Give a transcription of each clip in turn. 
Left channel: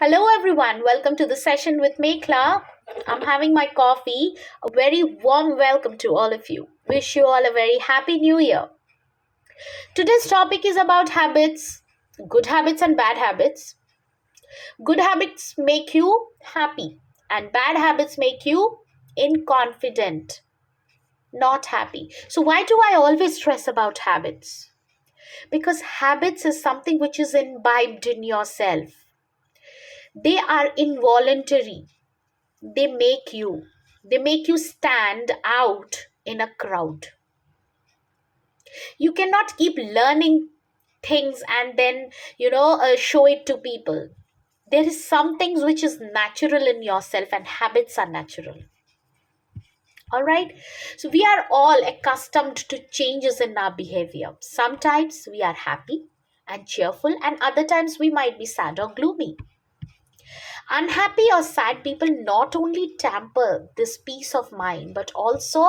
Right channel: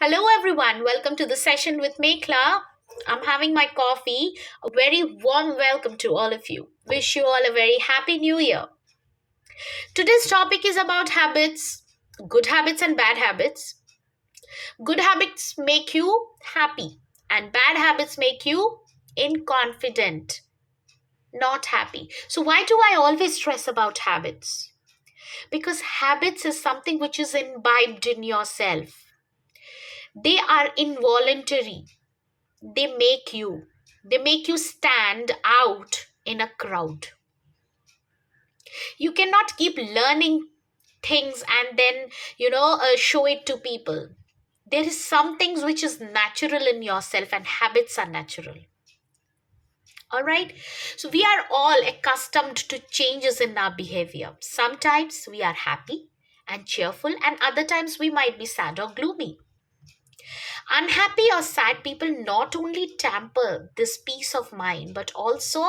Hello, everyone. Welcome to the session with Mekla. I'm having my coffee. A very warm welcome to all of you. Wish you all a very happy new year. Today's topic is about habits, good habits and bad habits. Good habits make you happy, and bad habits make you inconfident, not happy. So, why do I always stress about habits? Because habits is something which is imbibed in yourself, they are involuntary. They make you stand out in a crowd. You cannot keep learning things and then show it to people. There is some things which is natural in yourself, and habits are natural. All right, so we are all accustomed to changes in our behavior. Sometimes we are happy and cheerful, and other times we might be sad or gloomy. Unhappy or sad people not only tamper this peace of mind but also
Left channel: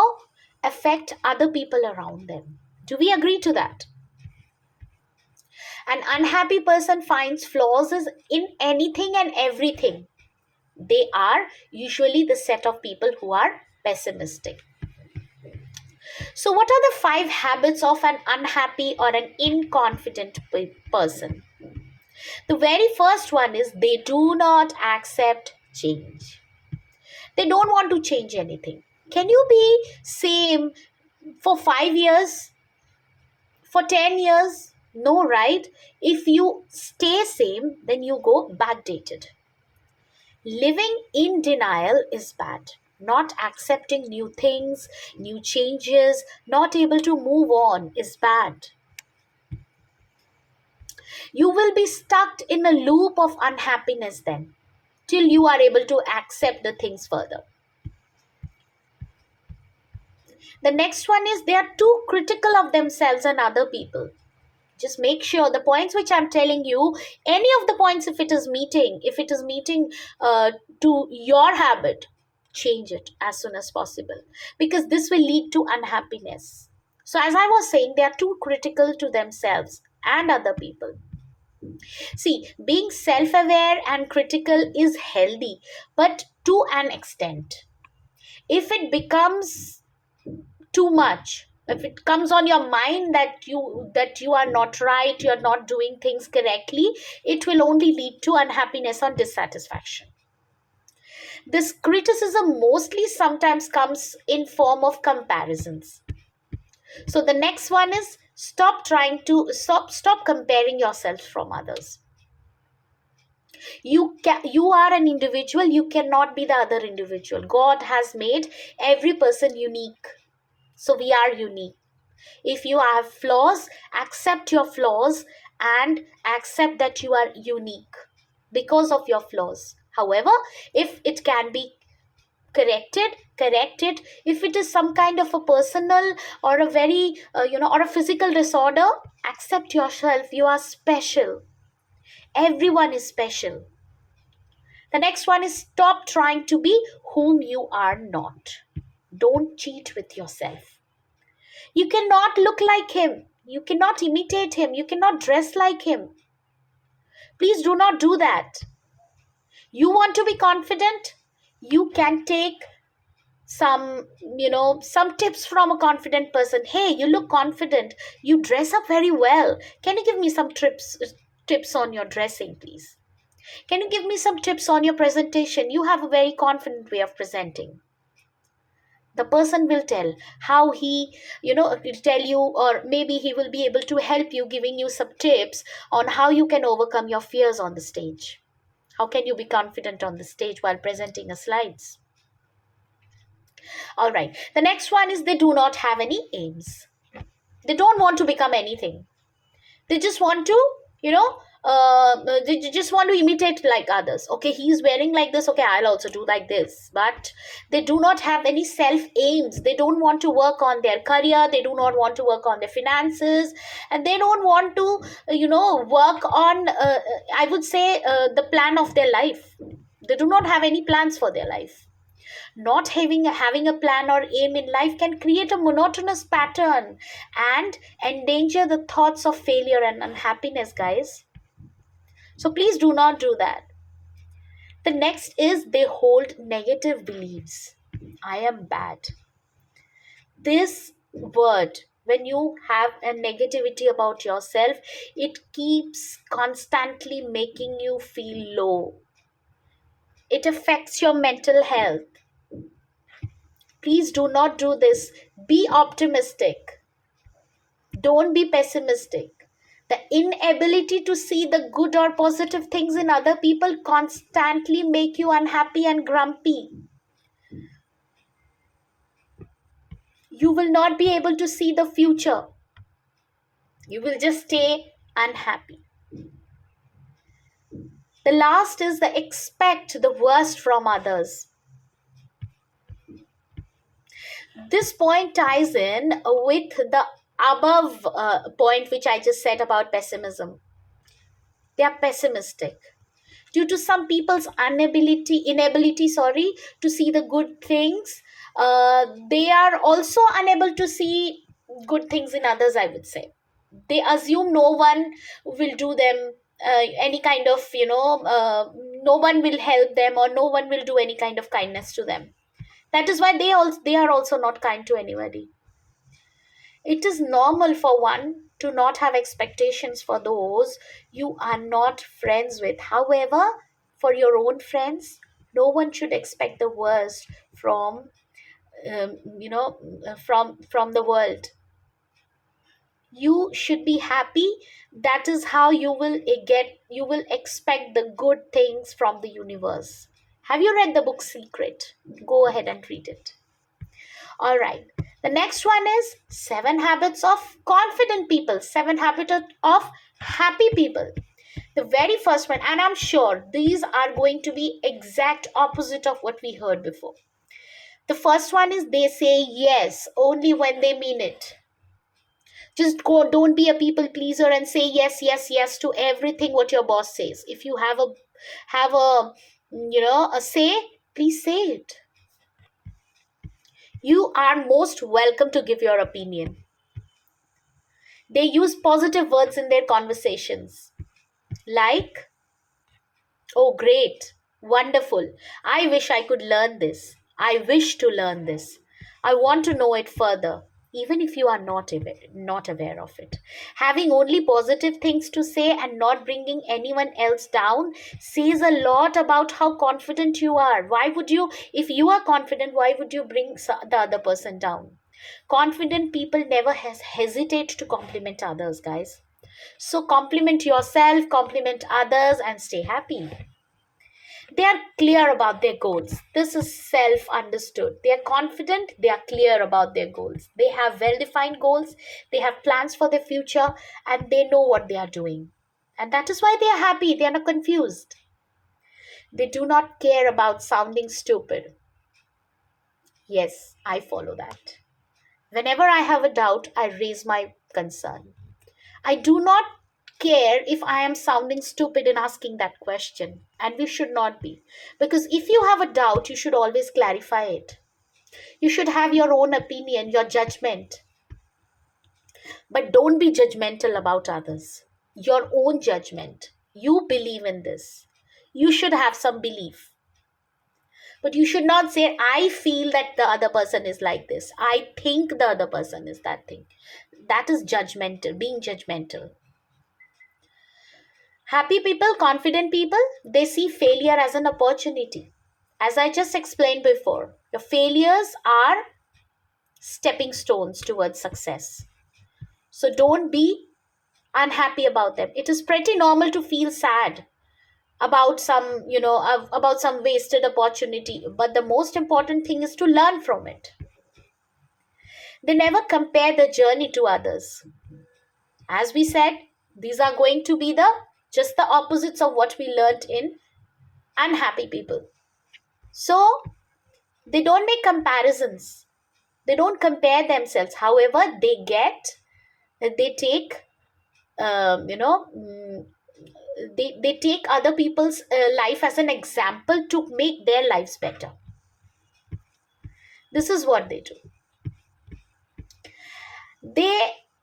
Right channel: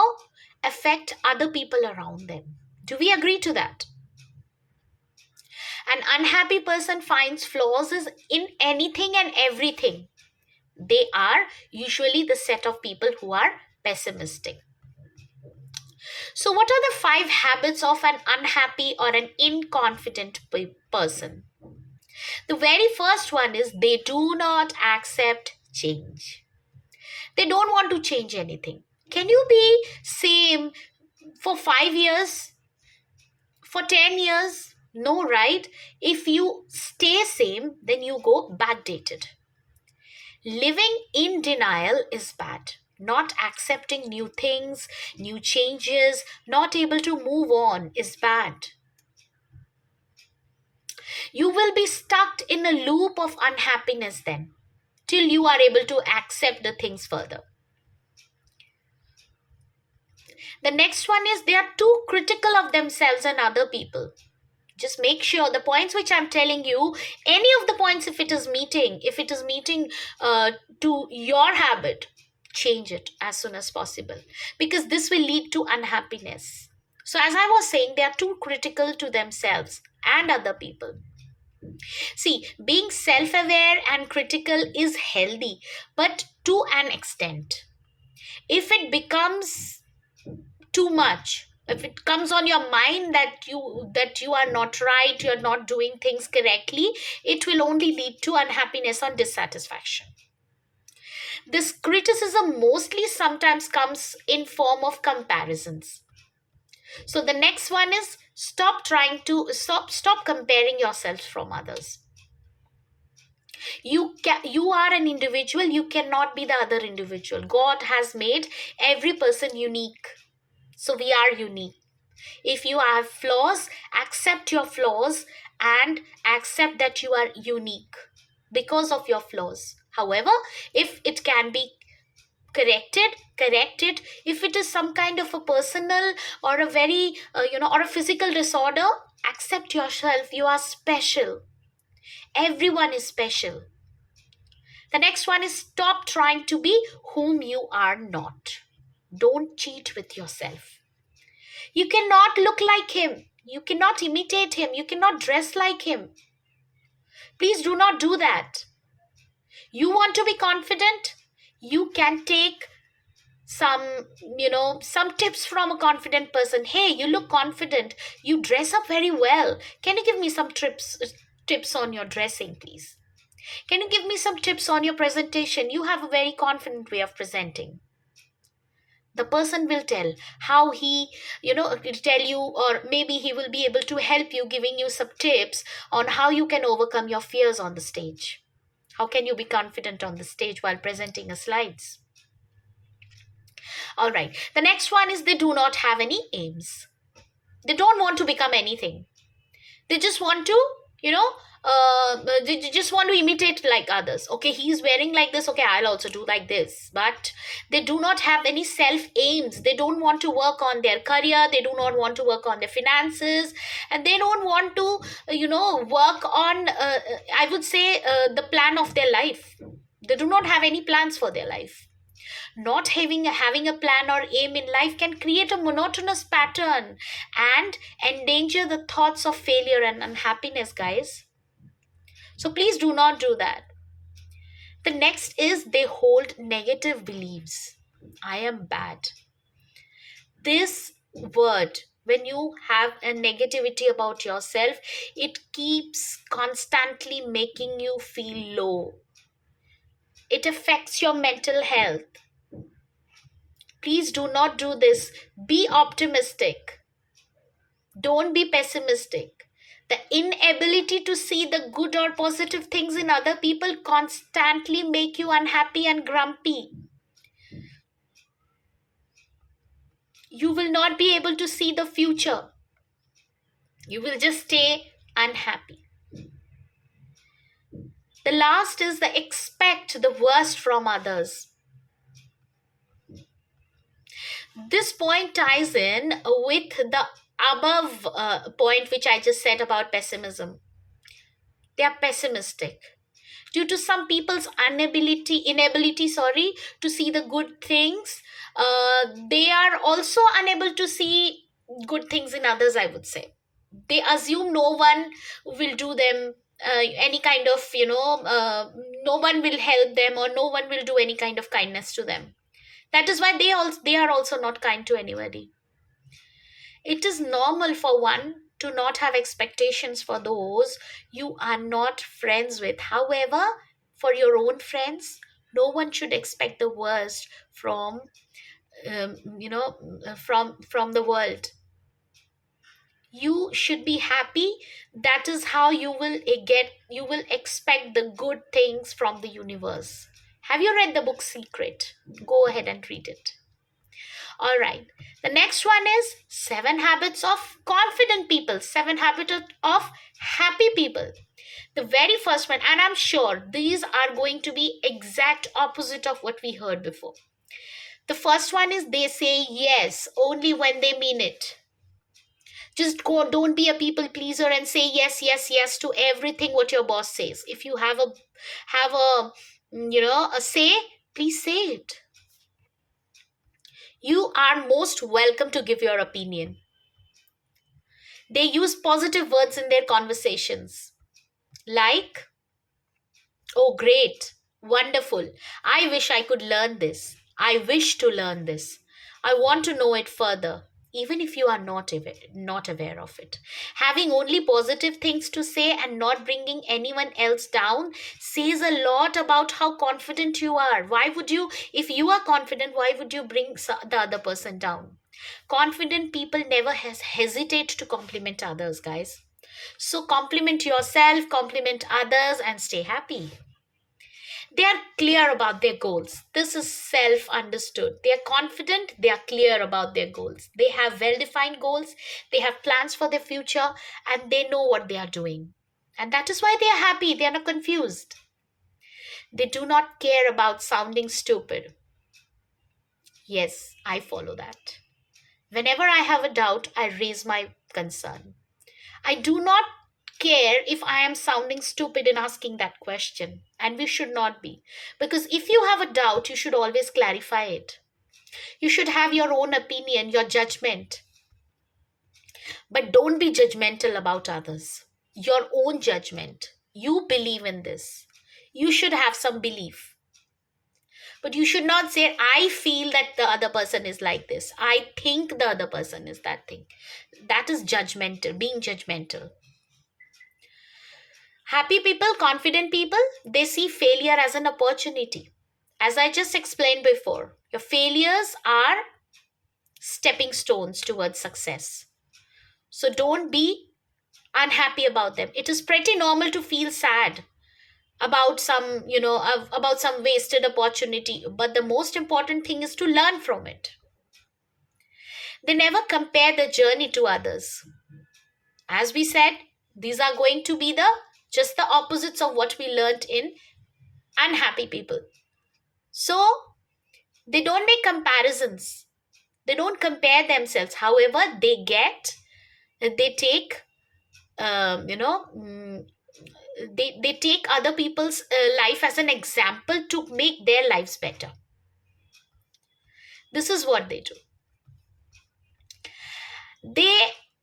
affect other people around them. Do we agree to that? An unhappy person finds flaws in anything and everything. They are usually the set of people who are pessimistic. So, what are the five habits of an unhappy or an inconfident person? The very first one is they do not accept change. They don't want to change anything. Can you be same for 5 years, for 10 years? No, right? If you stay same, then you go backdated. Living in denial is bad. Not accepting new things, new changes, not able to move on is bad. You will be stuck in a loop of unhappiness then, till you are able to accept the things further. The next one is they are too critical of themselves and other people. Just make sure the points which I'm telling you, any of the points, if it is meeting to your habit, change it as soon as possible, because this will lead to unhappiness. So, as I was saying, they are too critical to themselves and other people. See, being self aware and critical is healthy, but to an extent. If it becomes too much, if it comes on your mind that you are not right, you are not doing things correctly, it will only lead to unhappiness or dissatisfaction. This criticism mostly sometimes comes in form of comparisons. So the next one is stop comparing yourself from others. You are an individual, you cannot be the other individual. God has made every person unique, so we are unique. If you have flaws, accept your flaws and accept that you are unique because of your flaws. However, if it can be corrected, correct it. If it is some kind of a personal or a very, or a physical disorder, accept yourself. You are special. Everyone is special. The next one is stop trying to be whom you are not. Don't cheat with yourself. You cannot look like him. You cannot imitate him. You cannot dress like him. Please do not do that. You want to be confident? You can take some tips from a confident person. Hey, you look confident. You dress up very well. Can you give me some tips on your dressing, please? Can you give me some tips on your presentation? You have a very confident way of presenting. The person will tell how tell you, or maybe he will be able to help you, giving you some tips on how you can overcome your fears on the stage. How can you be confident on the stage while presenting a slides? All right, the next one is they do not have any aims. They don't want to become anything. They just want to, you know they just want to imitate like others. Okay, he's wearing like this, okay, I'll also do like this. But they do not have any self aims. They don't want to work on their career, they do not want to work on their finances, and they don't want to work on, I would say, the plan of their life. They do not have any plans for their life. Not having a plan or aim in life can create a monotonous pattern and endanger the thoughts of failure and unhappiness, guys. So please do not do that. The next is they hold negative beliefs. I am bad. This word, when you have a negativity about yourself, it keeps constantly making you feel low. It affects your mental health. Please do not do this. Be optimistic. Don't be pessimistic. The inability to see the good or positive things in other people constantly make you unhappy and grumpy. You will not be able to see the future. You will just stay unhappy. The last is the expect the worst from others. This point ties in with the above point which I just said about pessimism. They are pessimistic due to some people's inability, to see the good things. They are also unable to see good things in others, I would say. They assume no one will do them any kind of, no one will help them, or no one will do any kind of kindness to them. That is why they are also not kind to anybody. It is normal for one to not have expectations for those you are not friends with. However, for your own friends, no one should expect the worst from from the world. You should be happy. That is how you will expect the good things from the universe. Have you read the book Secret? Go ahead and read it. All right. The next one is seven habits of confident people, seven habits of happy people. The very first one, and I'm sure these are going to be exact opposite of what we heard before. The first one is they say yes only when they mean it. Just go, don't be a people pleaser and say yes, yes, yes to everything what your boss says. If you have a say, please say it. You are most welcome to give your opinion. They use positive words in their conversations, like, oh, great, wonderful. I wish I could learn this. I wish to learn this. I want to know it further, even if you are not aware of it. Having only positive things to say and not bringing anyone else down says a lot about how confident you are. Why would you, if you are confident, why would you bring the other person down? Confident people never hesitate to compliment others, guys. So compliment yourself, compliment others, and stay happy. They are clear about their goals. This is self understood. They are confident, they are clear about their goals. They have well defined goals, they have plans for their future, and they know what they are doing. And that is why they are happy, they are not confused. They do not care about sounding stupid. Yes, I follow that. Whenever I have a doubt, I raise my concern. I do not care if I am sounding stupid in asking that question, and we should not be. Because if you have a doubt, you should always clarify it. You should have your own opinion, your judgment, but don't be judgmental about others. Your own judgment. You believe in this. You should have some belief. But you should not say, I feel that the other person is like this. I think the other person is that thing. That is judgmental, being judgmental. Happy people, confident people, they see failure as an opportunity. As I just explained before, your failures are stepping stones towards success. So don't be unhappy about them. It is pretty normal to feel sad about about some wasted opportunity, but the most important thing is to learn from it. They never compare the journey to others. As we said, these are going to be the just the opposites of what we learned in unhappy people. So they don't make comparisons. They don't compare themselves. However, they take, um, you know, mm, they take other people's life as an example to make their lives better. This is what they do. They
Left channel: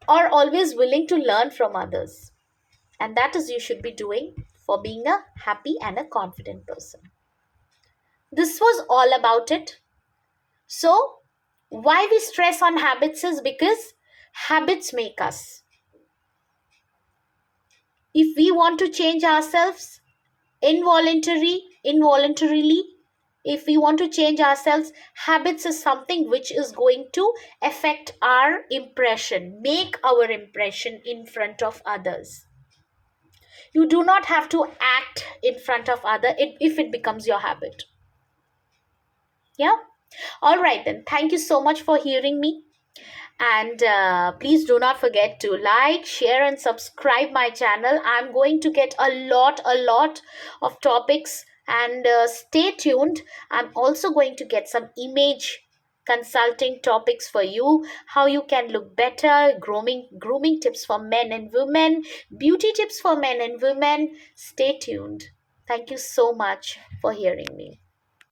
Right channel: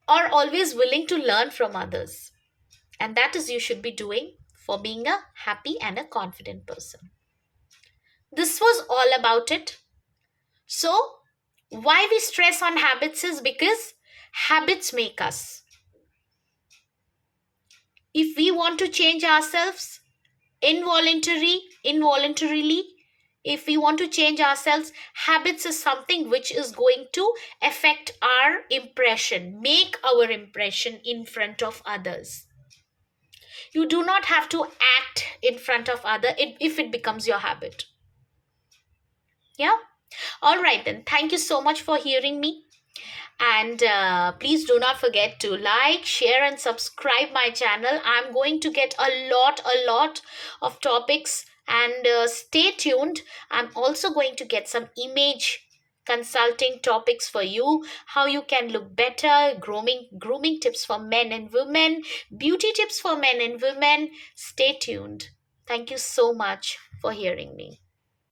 are always willing to learn from others. And that is you should be doing for being a happy and a confident person. This was all about it. So, why we stress on habits is because habits make us. If we want to change ourselves involuntarily, if we want to change ourselves, habits is something which is going to affect our impression, make our impression in front of others. You do not have to act in front of other if it becomes your habit. Yeah. All right, then. Thank you so much for hearing me. And please do not forget to like, share, and subscribe my channel. I'm going to get a lot of topics, and stay tuned. I'm also going to get some image consulting topics for you, how you can look better, grooming tips for men and women, beauty tips for men and women. Stay tuned. Thank you so much for hearing me.